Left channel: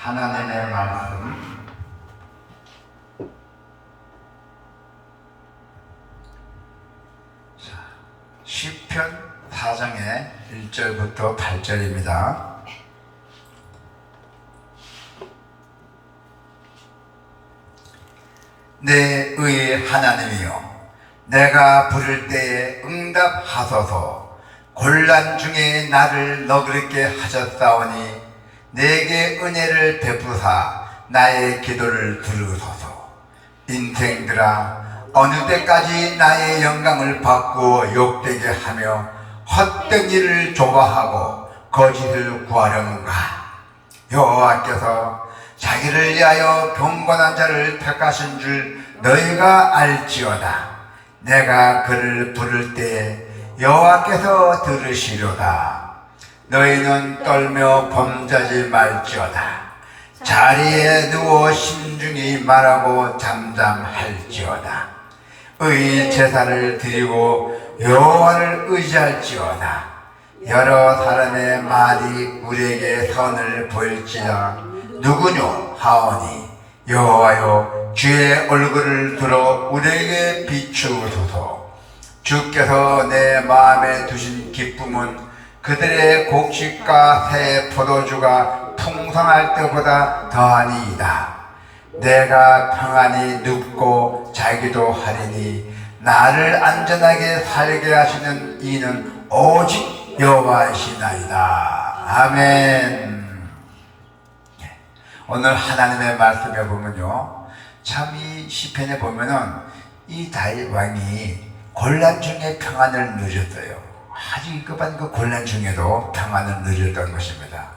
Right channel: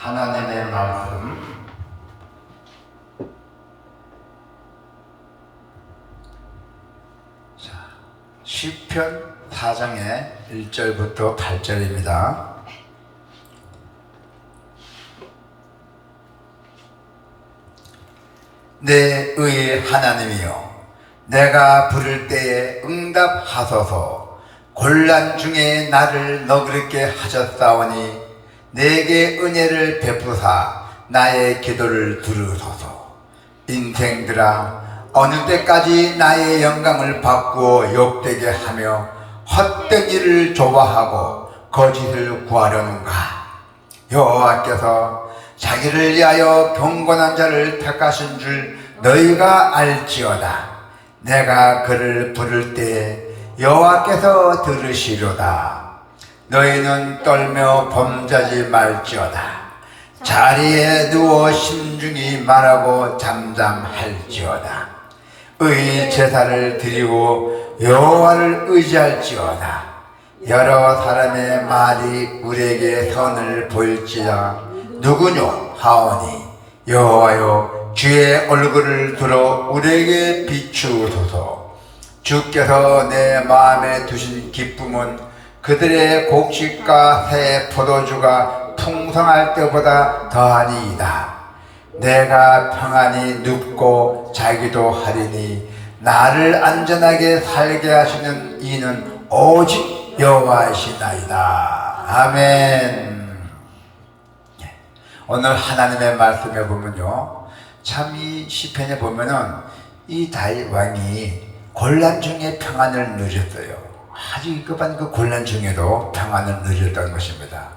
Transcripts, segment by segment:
하나님의 말씀 시편 4장의 1절부터 8절입니다. 내 의의 하나님이여, 내가 부를 때에 응답하소서. 곤란 중에 나를 너그럽게 하셨사오니 내게 은혜를 베푸사 나의 기도를 들으소서. 인생들아, 어느 때까지 나의 영광을 바꾸어 욕되게 하며 헛된 일을 좋아하고 거짓을 구하려는가? 여호와께서 자기를 위하여 경건한 자를 택하신 줄 너희가 알지어다. 내가 그를 부를 때에 여호와께서 들으시려다. 너희는 떨며 범죄하지 말지어다. 자리에 누워 심중히 말하고 잠잠할지어다. 의 제사를 드리고 여호와를 의지할지어다. 여러 사람의 말이 우리에게 선을 보일지라 누구뇨 하오니, 여호와여, 주의 얼굴을 들어 우리에게 비추소서. 주께서 내 마음에 두신 기쁨은 그들의 곡식과 새 포도주가 풍성할 때보다 더하니이다. 내가 평안히 눕고 자기도 하리니 나를 안전하게 살게 하시는 이는 오직 여호와이시나이다. 아멘. 오늘 하나님의 말씀에 보면요, 참 이 시편에 보면은 이 다윗 왕이 곤란 중에 평안을 누렸어요. 아주 급한 그 곤란 중에도 평안을 누렸던 것입니다.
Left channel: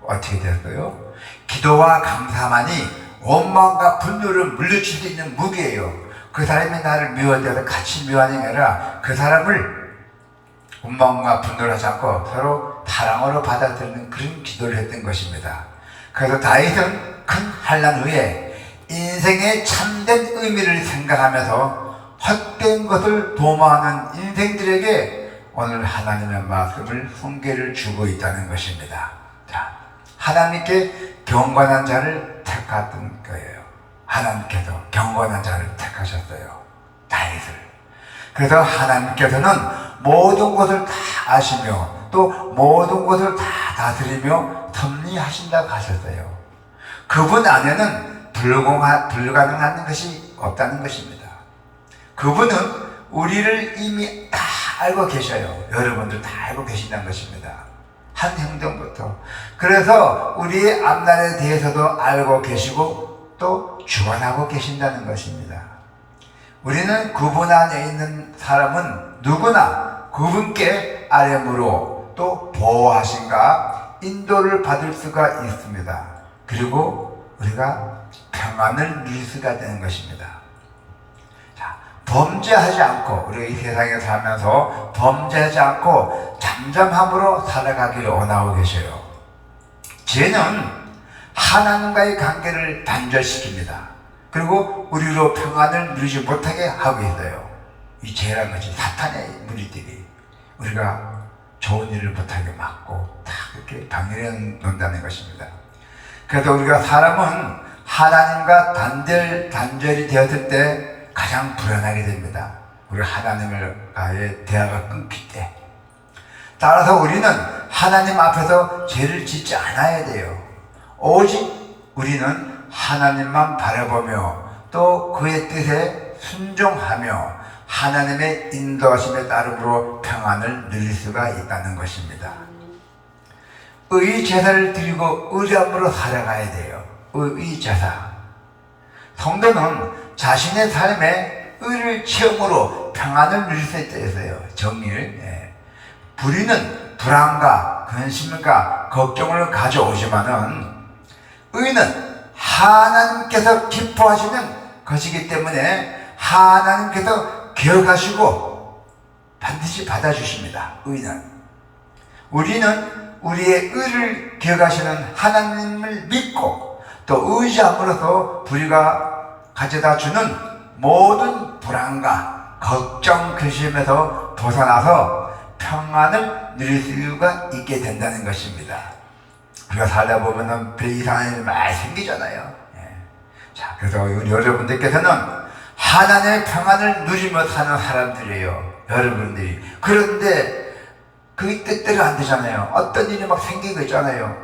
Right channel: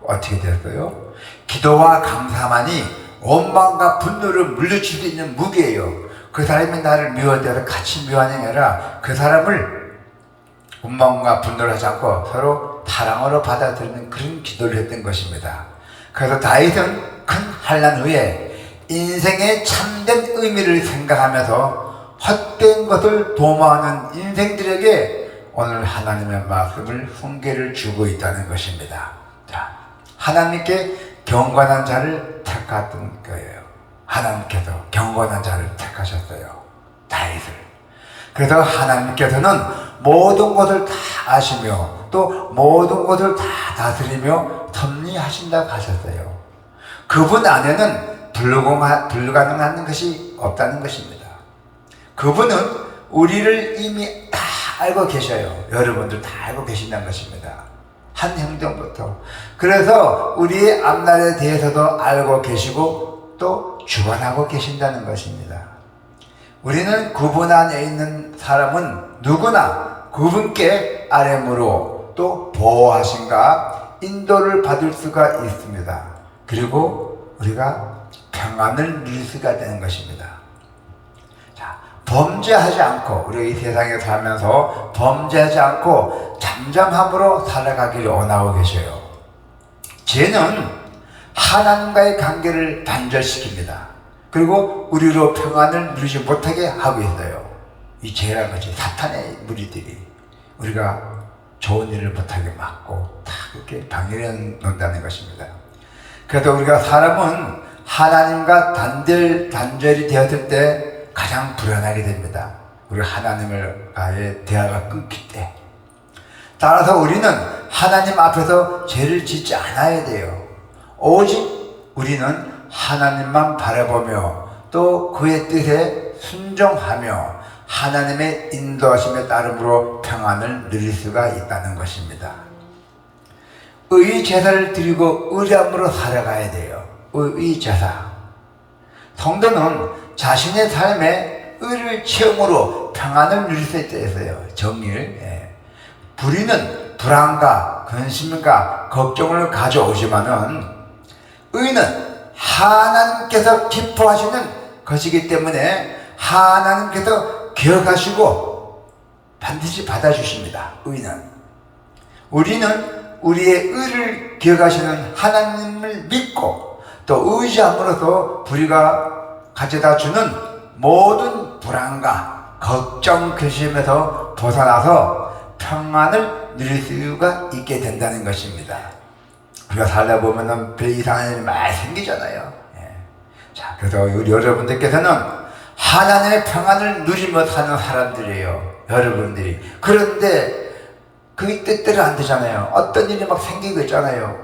어떻게 됐어요? 기도와 감사만이 원망과 분노를 물리칠 수 있는 무기예요. 그 사람이 나를 미워해서 같이 미워하는 게 아니라 그 사람을 원망과 분노를 하지 않고 서로 사랑으로 받아들이는 그런 기도를 했던 것입니다. 그래서 다윗은 큰 환난 후에 인생의 참된 의미를 생각하면서 헛된 것을 도모하는 인생들에게 오늘 하나님의 말씀을 훈계를 주고 있다는 것입니다. 자, 하나님께 경건한 자를 택했던 거예요. 하나님께서 경건한 자를 택하셨어요, 다윗을. 그래서 하나님께서는 모든 것을 다 아시며 또 모든 것을 다 다스리며 섭리하신다고 하셨어요. 그분 안에는 불가능한 것이 없다는 것입니다. 그분은 우리를 이미 다 알고 계셔요. 여러분들 다 알고 계신다는 것입니다. 한 행동부터. 그래서 우리의 앞날에 대해서도 알고 계시고 또 주관하고 계신다는 것입니다. 우리는 그분 안에 있는 사람은 누구나 그분께 아뢰므로 또 보호하신가 인도를 받을 수가 있습니다. 그리고 우리가 평안을 누릴 수가 되는 것입니다. 자, 범죄하지 않고, 우리가 이 세상에 살면서 범죄하지 않고 잠잠함으로 살아가기를 원하고 계셔요. 죄는 하나님과의 관계를 단절시킵니다. 그리고 우리로 평안을 누리지 못하게 하고 있어요. 이 죄라는 것이 사탄의 무리들이 우리가 좋은 일을 못하게 막고 다 그렇게 방해해 놓는다는 것입니다. 그래서 우리가 사람은 하나님과 단절이 되었을 때 가장 불안하게 됩니다. 우리 하나님과의 대화가 끊길 때. 따라서 우리는 하나님 앞에서 죄를 짓지 않아야 돼요. 오직 우리는 하나님만 바라보며 또 그의 뜻에 순종하며 하나님의 인도하심에 따름으로 평안을 누릴 수가 있다는 것입니다. 의 제사를 드리고 의람으로 살아가야 돼요. 의 제사. 성도는 자신의 삶에 의를 체험으로 평안을 누릴 수 있어요. 정의를. 불의는 불안과 근심과 걱정을 가져오지만은 의는 하나님께서 기뻐하시는 것이기 때문에 하나님께서 기억하시고 반드시 받아주십니다. 의는. 우리는 우리의 의를 기억하시는 하나님을 믿고 또 의지함으로써 우리가 가져다 주는 모든 불안과 걱정, 근심에서 벗어나서 평안을 누릴 수가 있게 된다는 것입니다. 우리가 살다 보면은 배 이상한 일이 많이 생기잖아요. 예. 자, 그래서 우리 여러분들께서는 하나님의 평안을 누리며 사는 사람들이에요. 여러분들이. 그런데 그게 뜻대로 안 되잖아요. 어떤 일이 막 생기고 있잖아요.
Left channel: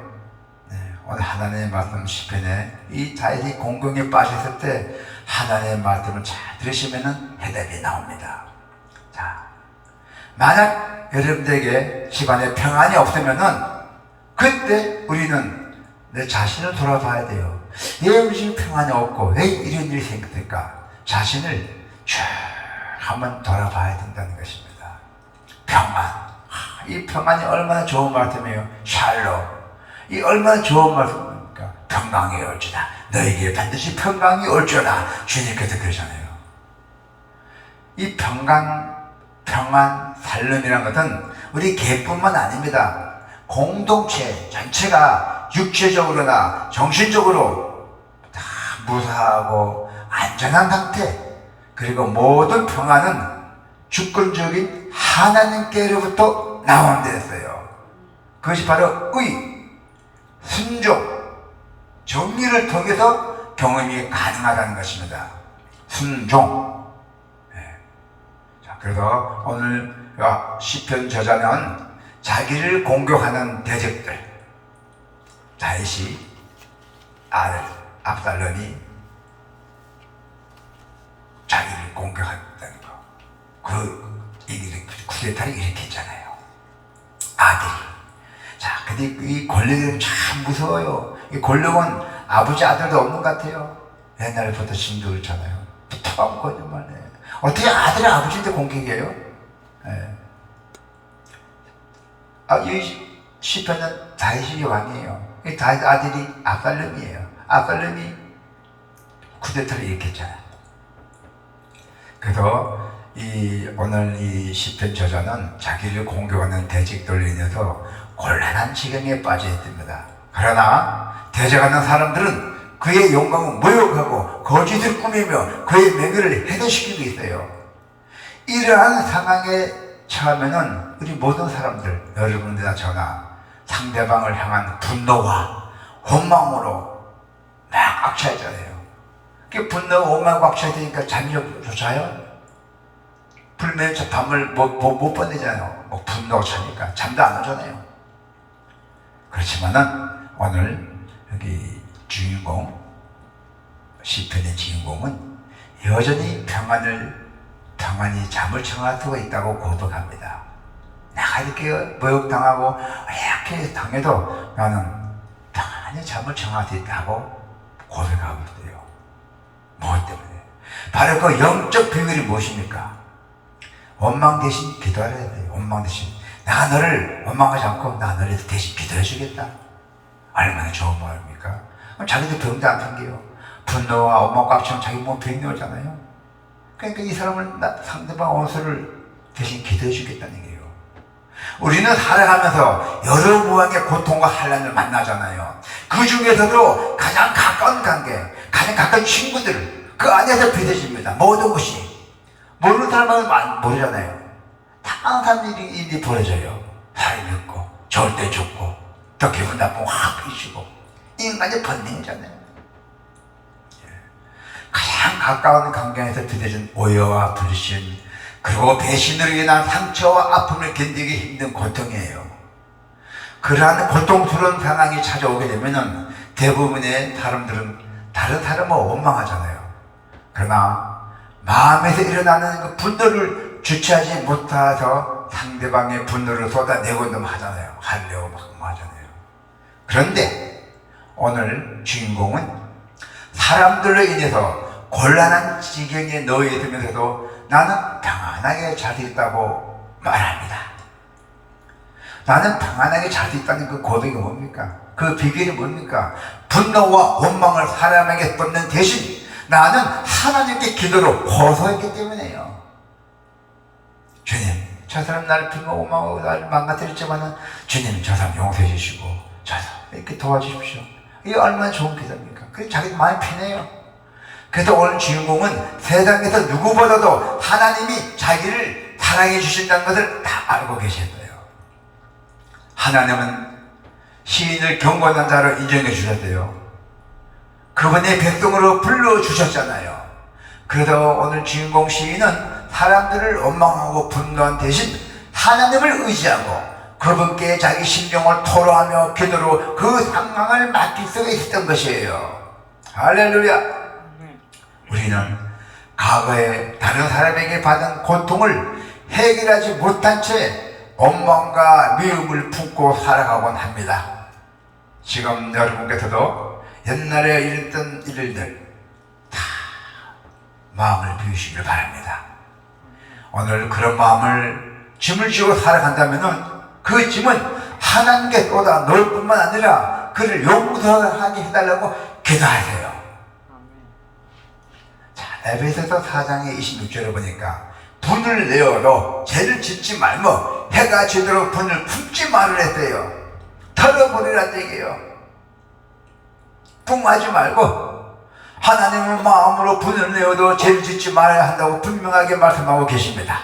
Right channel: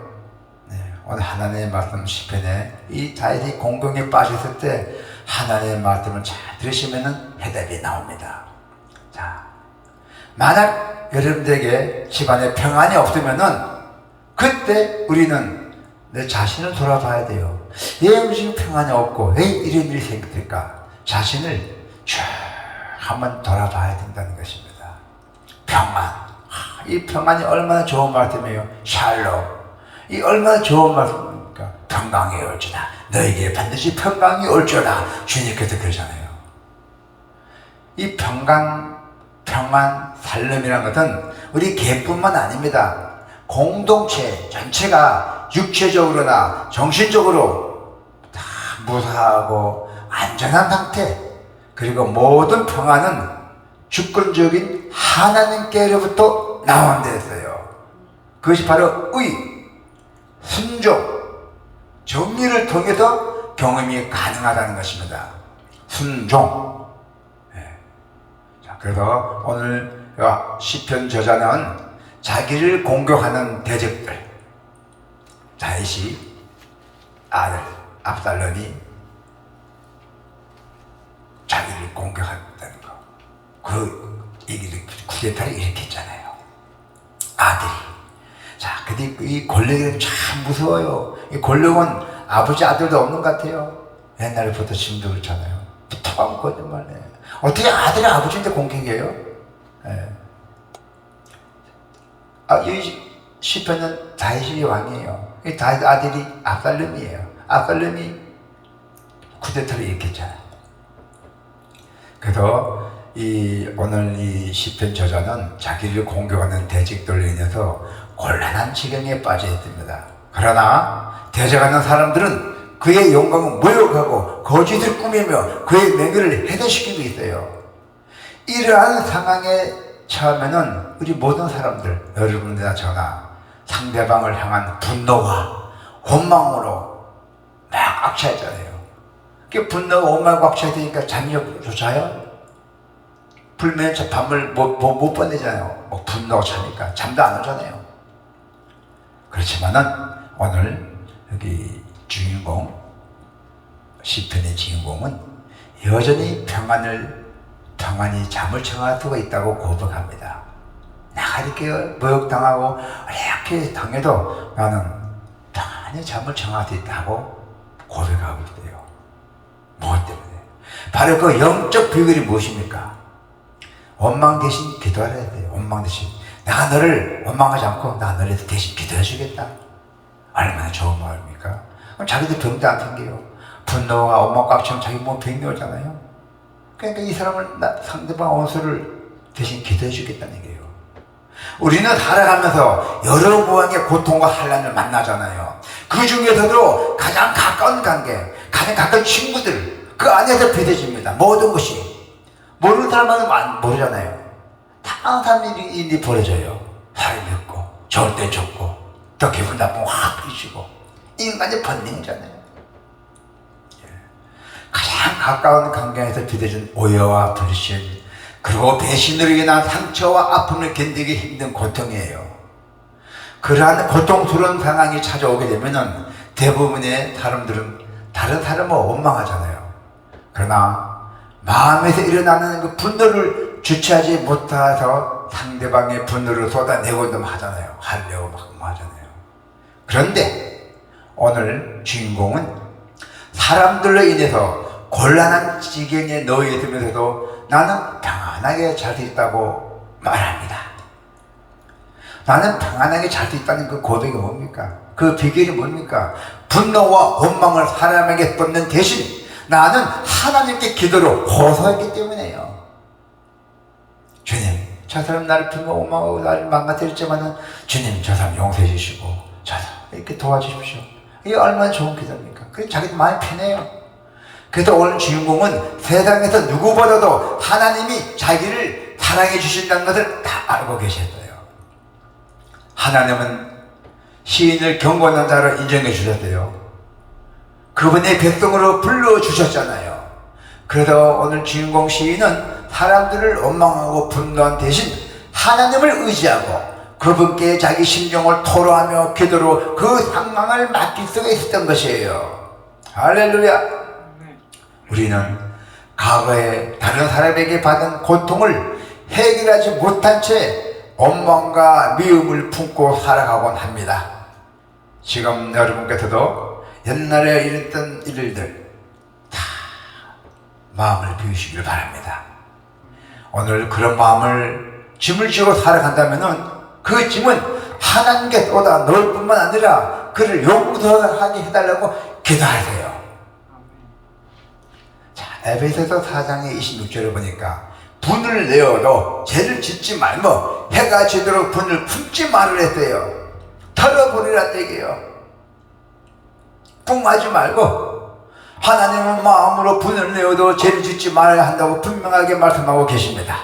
네. 오늘 하나님의 말씀 시편에 이 다윗이 공경에 빠졌을 때 하나님의 말씀을 잘 들으시면은 해답이 나옵니다. 자, 만약 여러분들에게 집안에 평안이 없으면은 그때 우리는 내 자신을 돌아봐야 돼요. 왜 우리 평안이 없고 왜 이런 일이 생길까? 자신을 쭉 한번 돌아봐야 된다는 것입니다. 평안. 이 평안이 얼마나 좋은 말씀이에요. 샬롬. 이 얼마나 좋은 말씀입니까? 평강이 올지다. 너에게 반드시 평강이 올지어다. 주님께서 그러잖아요. 이 평강, 평안, 살림이라는 것은 우리 개뿐만 아닙니다. 공동체 전체가 육체적으로나 정신적으로 다 무사하고 안전한 상태, 그리고 모든 평안은 주권적인 하나님께로부터 나오는 데였어요. 그것이 바로 의, 순종, 정리를 통해서 경험이 가능하다는 것입니다. 순종. 네. 자, 그래서 오늘 시편 저자는 자기를 공격하는 대적들, 다윗이 아들 압살롬이 자기를 공격한다는 거, 그 얘기를 쿠데타를 일으켰잖아요. 아들이. 자, 근데 이 권력은 참 무서워요. 이 권력은 아버지 아들도 없는 것 같아요. 옛날부터 지금도 그렇잖아요. 붙어가면 거짓말해. 어떻게 아들이 아버지인데 공격이에요? 네. 이 시편은 다윗이 왕이에요. 이 다윗 아들이 압살롬이에요. 압살롬이 쿠데타를 일으켰잖아요. 그래서 오늘 이 시편 저자는 자기를 공격하는 대적들로 인해서 곤란한 지경에 빠져 있습니다. 그러나 대적하는 사람들은 그의 영광을 모욕하고 거짓을 꾸미며 그의 명예를 해대시키고 있어요. 이러한 상황에 처음에는 우리 모든 사람들, 여러분들이나 저나 상대방을 향한 분노와 원망으로 막 꽉 차있잖아요. 그 분노가 원망 꽉 차있으니까 잠이 좀 자요? 불면 저 밤을 못 보내잖아요. 뭐 분노가 차니까 잠도 안 오잖아요. 그렇지만은 오늘 여기 주인공, 시편의 주인공은 여전히 평안히 잠을 청할 수가 있다고 고백합니다. 내가 이렇게 모욕당하고 이렇게 당해도 나는 평안히 잠을 청할 수 있다고 고백하고 있어요. 무엇 때문에? 바로 그 영적 비결이 무엇입니까? 원망 대신 기도하려야 돼요. 원망 대신. 내가 너를 원망하지 않고 내가 너를 대신 기도해 주겠다. 얼마나 좋은 마음입니까? 그럼 자기도 병도 안 생겨요. 분노와 원망 깝치면 자기 몸 병이 오잖아요. 그러니까 이 사람은 상대방 원수를 대신 기도해 주겠다는 얘기예요. 우리는 살아가면서 여러 모양의 고통과 환난을 만나잖아요. 그 중에서도 가장 가까운 관계, 가장 가까운 친구들, 그 안에서 빚어집니다. 모든 것이. 모르는 사람은 모르잖아요. 항상 일이 벌어져요. 사람이 없고, 좋을 때 좋고, 또 기분 나쁘고 확 잊히고. 인간의 본능이잖아요. 가장 가까운 관계에서 빚어진 오해와 불신, 그리고 배신으로 인한 상처와 아픔을 견디기 힘든 고통이에요. 그러한 고통스러운 상황이 찾아오게 되면은 대부분의 사람들은 다른 사람을 원망하잖아요. 그러나 마음에서 일어나는 그 분노를 주체하지 못해서 상대방의 분노를 쏟아내고도 하잖아요. 하려고 막 하잖아요. 그런데 오늘 주인공은 사람들로 인해서 곤란한 지경에 놓여 있으면서도 나는 평안하게 잘 있다고 말합니다. 나는 평안하게 잘 있다는 그 고백이 뭡니까? 그 비결이 뭡니까? 분노와 원망을 사람에게 쏟는 대신 나는 하나님께 기도로 호소했기 때문에요. 주님, 저 사람 나를 원망하고 나를 망가뜨렸지만은 주님, 저 사람 용서해 주시고 저 사람 이렇게 도와주십시오. 이게 얼마나 좋은 기도입니까? 그래서 자기도 마음이 편해요. 그래서 오늘 주인공은 세상에서 누구보다도 하나님이 자기를 사랑해 주신다는 것을 다 알고 계셨어요. 하나님은 시인을 경건한 자로 인정해 주셨대요. 그분의 백성으로 불러주셨잖아요. 그래도 오늘 주인공 시인은 사람들을 원망하고 분노한 대신 하나님을 의지하고 그분께 자기 심정을 토로하며 기도로 그 상황을 맡길 수 있었던 것이에요. 할렐루야. 우리는 과거에 다른 사람에게 받은 고통을 해결하지 못한 채 원망과 미움을 품고 살아가곤 합니다. 지금 여러분께서도 옛날에 일했던 일들 다 마음을 비우시길 바랍니다. 오늘 그런 마음을 짐을 지고 살아간다면 그 짐은 하나님께 쏟아 넣을 뿐만 아니라 그를 용서하게 해달라고 기도하세요. 자, 에베소서 4장의 26절을 보니까 분을 내어도 죄를 짓지 말고 해가 지도록 분을 품지 말으라 했어요. 털어버리란 얘기예요. 뿡하지 말고 하나님은 마음으로 분을 내어도 죄를 짓지 말아야 한다고 분명하게 말씀하고 계십니다.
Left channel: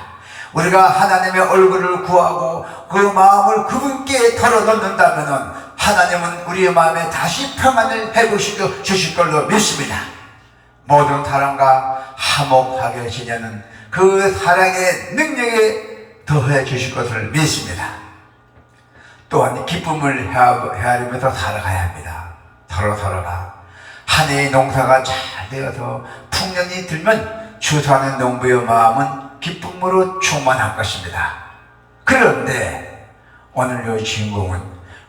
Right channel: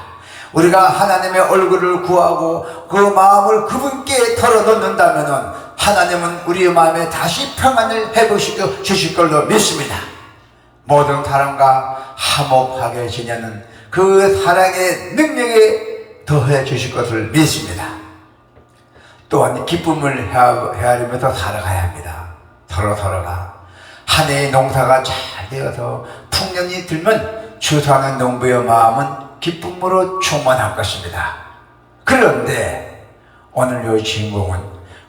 우리가 하나님의 얼굴을 구하고 그 마음을 그분께 털어놓는다면 하나님은 우리의 마음에 다시 평안을 회복시켜 주실 걸로 믿습니다. 모든 사람과 화목하게 지내는 그 사랑의 능력에 더해 주실 것을 믿습니다. 또한 기쁨을 헤아리면서 살아가야 합니다. 서로가 한 해의 농사가 잘 되어서 풍년이 들면 추수하는 농부의 마음은 기쁨으로 충만할 것입니다. 그런데 오늘 이 주인공은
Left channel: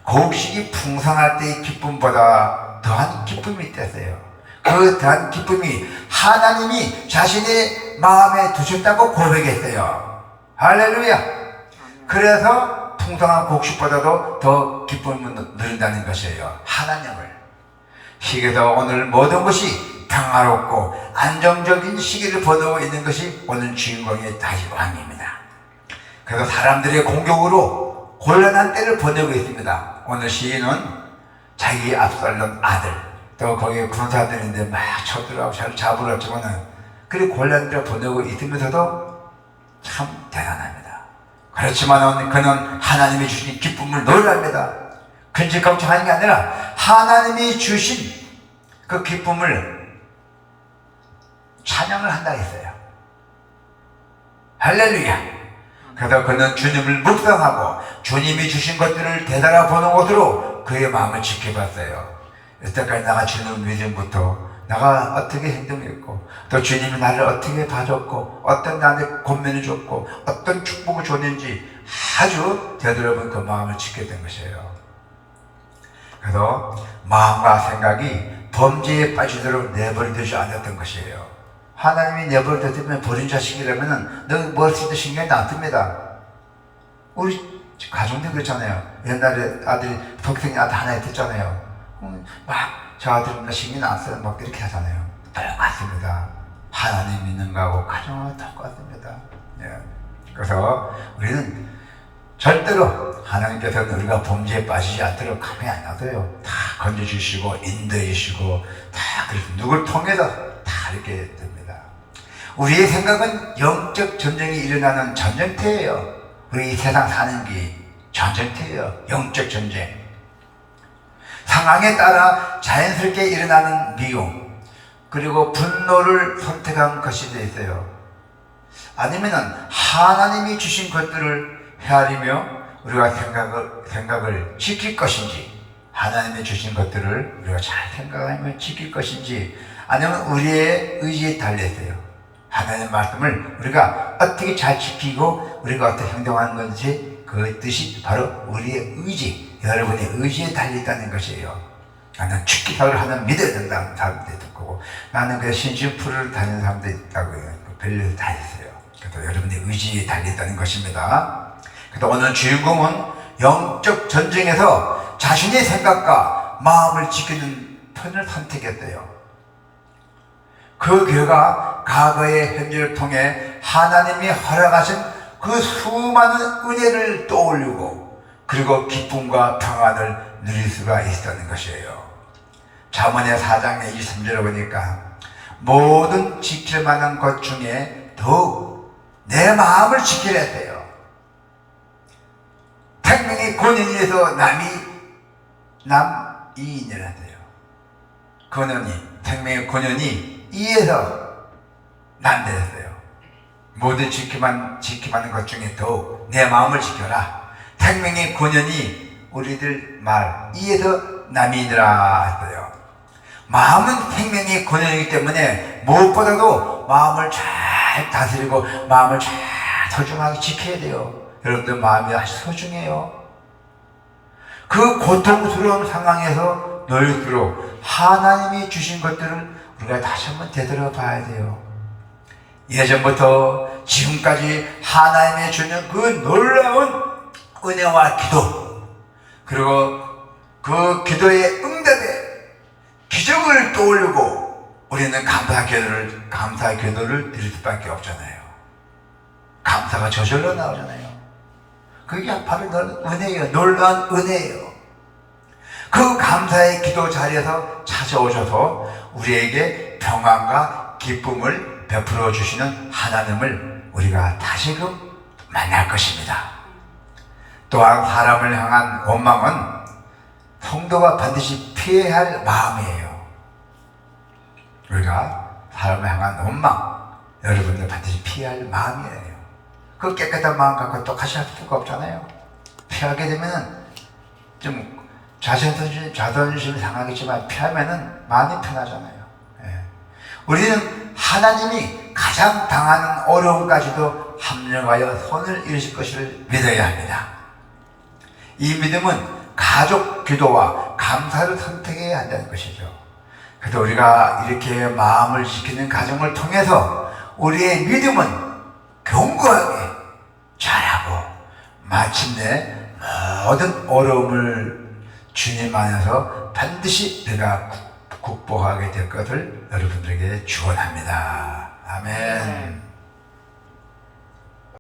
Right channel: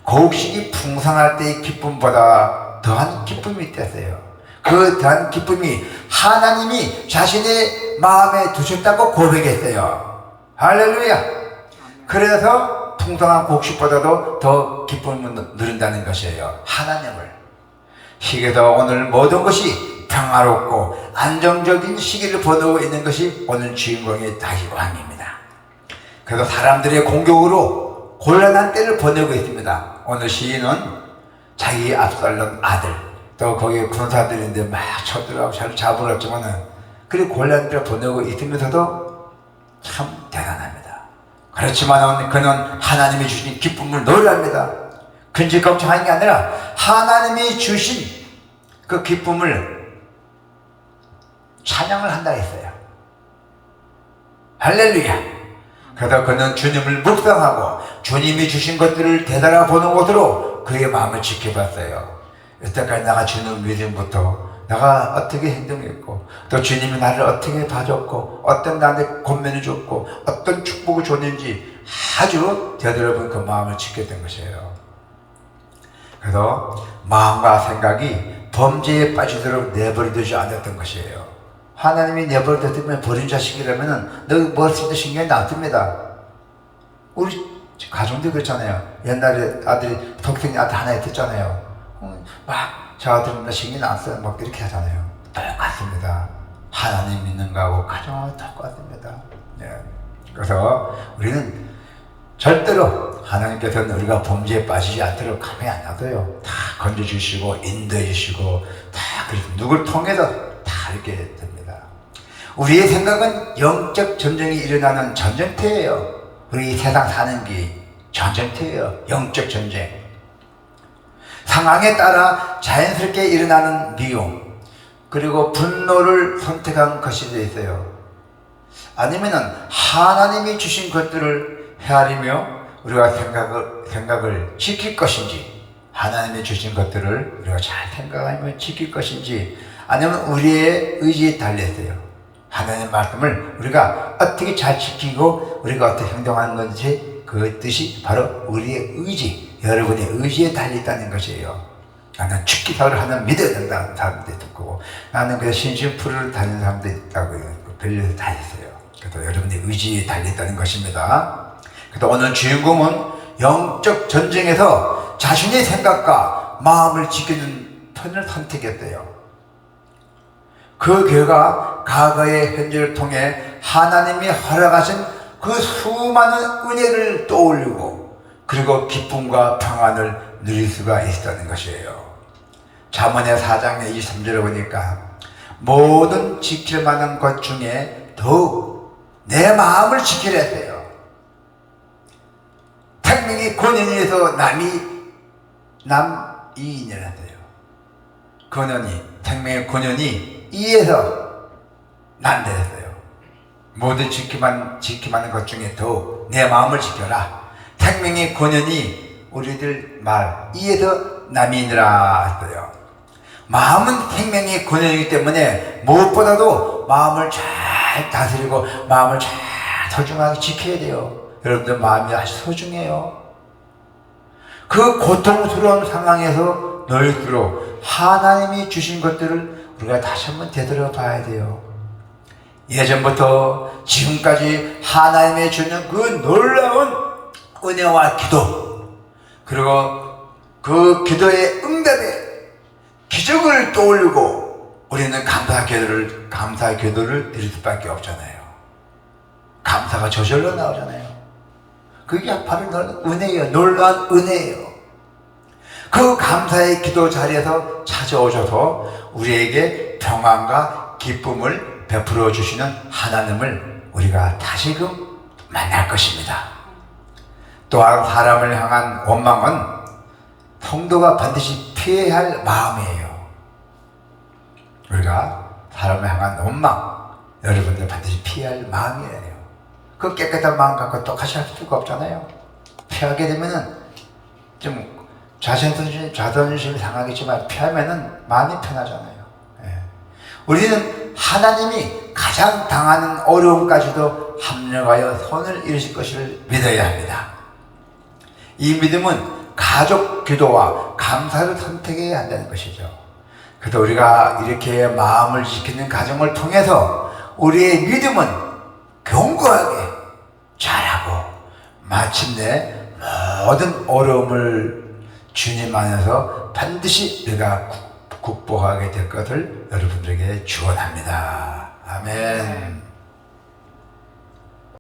곡식이 풍성할 때의 기쁨보다 더한 기쁨이 있었어요. 그 더한 기쁨이 하나님이 자신의 마음에 두셨다고 고백했어요. 할렐루야. 그래서 풍성한 곡식보다도 더 기쁨을 누린다는 것이에요. 하나님을. 시기도 오늘 모든 것이 평화롭고 안정적인 시기를 보내고 있는 것이 오늘 주인공의 다윗왕입니다. 그래서 사람들의 공격으로 곤란한 때를 보내고 있습니다. 오늘 시인은 자기 압살롬 아들 또 거기에 군사들인데 막 쳐들어가고 잘 잡으러 왔지만은 그리 곤란한 때를 보내고 있으면서도 참 대단합니다. 그렇지만은 그는 하나님이 주신 기쁨을 노래합니다. 근심 걱정하는 게 아니라 하나님이 주신 그 기쁨을 찬양을 한다 했어요. 할렐루야. 그러다 그는 주님을 묵상하고 주님이 주신 것들을 되돌아보는 것으로 그의 마음을 지켜봤어요. 여태까지 내가 주님 믿음부터 내가 어떻게 행동했고 또 주님이 나를 어떻게 봐줬고 어떤 나한테 권면을 줬고 어떤 축복을 줬는지 아주 되돌아본 그 마음을 지켰던 것이에요. 그래서 마음과 생각이 범죄에 빠지도록 내버려두지 않았던 것이에요. 하나님이 내버려뒀으면 버린 자식이라면 너 머릿속에 신경이 납니다. 우리 가정도 그렇잖아요. 옛날에 아들이 독생이 아들 하나 있었잖아요. 막 저 아들은 신경이 났어요. 막 이렇게 하잖아요. 똑같습니다. 하나님 믿는 거하고 가장 똑같습니다. 네. 그래서 우리는 절대로 하나님께서는 우리가 범죄에 빠지지 않도록 가만히 안 놔둬요. 다 건져주시고 인도해 주시고 다 그래서 누굴 통해서 다 이렇게 됩니다. 우리의 생각은 영적 전쟁이 일어나는 전쟁터예요. 우리 세상 사는 게 전쟁터예요. 영적 전쟁. 상황에 따라 자연스럽게 일어나는 미움 그리고 분노를 선택한 것이 되어 있어요. 아니면은 하나님이 주신 것들을 헤아리며 우리가 생각을 지킬 것인지 하나님이 주신 것들을 우리가 잘 생각하며 지킬 것인지 아니면 우리의 의지에 달려있어요. 하나님의 말씀을 우리가 어떻게 잘 지키고 우리가 어떻게 행동하는 건지 그 뜻이 바로 우리의 의지, 여러분의 의지에 달려있다는 것이에요. 나는 축기사를 하나 믿어야 된다는 사람들이 있고 나는 그냥 심심풀이로 다니는 사람들이 있다고 별로 다 있어요. 그래서 여러분의 의지에 달려있다는 것입니다. 그래서 오늘 주인공은 영적 전쟁에서 자신의 생각과 마음을 지키는 편을 선택했어요. 그 결과 과거의 현재를 통해 하나님이 허락하신 그 수많은 은혜를 떠올리고 그리고 기쁨과 평안을 누릴 수가 있었다는 것이에요. 잠언의 4장의 23절을 보니까 모든 지킬 만한 것 중에 더욱 내 마음을 지키려 했대요. 생명이 권연이에서 남이 남이인이라 돼요. 근원이, 생명의 근원이 이에서 난대했어요. 모두 지키는 것 중에 더욱 내 마음을 지켜라. 생명의 근원이 우리들 말 이에서 남이니라 했어요. 마음은 생명의 근원이기 때문에 무엇보다도 마음을 잘 다스리고 마음을 잘 소중하게 지켜야 돼요. 여러분들 마음이 아주 소중해요. 그 고통스러운 상황에서 너희들로 하나님이 주신 것들을 우리가 다시 한번 되돌아봐야 돼요. 예전부터 지금까지 하나님의 주는 그 놀라운 은혜와 기도, 그리고 그 기도의 응답에 기적을 떠올리고 우리는 감사의 기도를 드릴 수밖에 없잖아요. 감사가 저절로 나오잖아요. 그게 바로 은혜예요. 놀라운 은혜예요. 그 감사의 기도 자리에서 찾아오셔서 우리에게 평안과 기쁨을 베풀어 주시는 하나님을 우리가 다시금 만날 것입니다. 또한 사람을 향한 원망은 성도가 반드시 피해야 할 마음이에요. 우리가 사람을 향한 원망, 여러분들 반드시 피해야 할 마음이에요. 그 깨끗한 마음 갖고 똑같이 할 수가 없잖아요. 피하게 되면은 좀 자존심 상하겠지만 피하면은 마음이 편하잖아요. 예. 우리는 하나님이 가장 당하는 어려움까지도 합력하여 손을 이루실 것을 믿어야 합니다. 이 믿음은 가족 기도와 감사를 선택해야 한다는 것이죠. 그래서 우리가 이렇게 마음을 지키는 가정을 통해서 우리의 믿음은 견고하게 자라고 마침내 모든 어려움을 주님 안에서 반드시 우리가 극복하게 될 것을 여러분들에게 축원합니다. 아멘.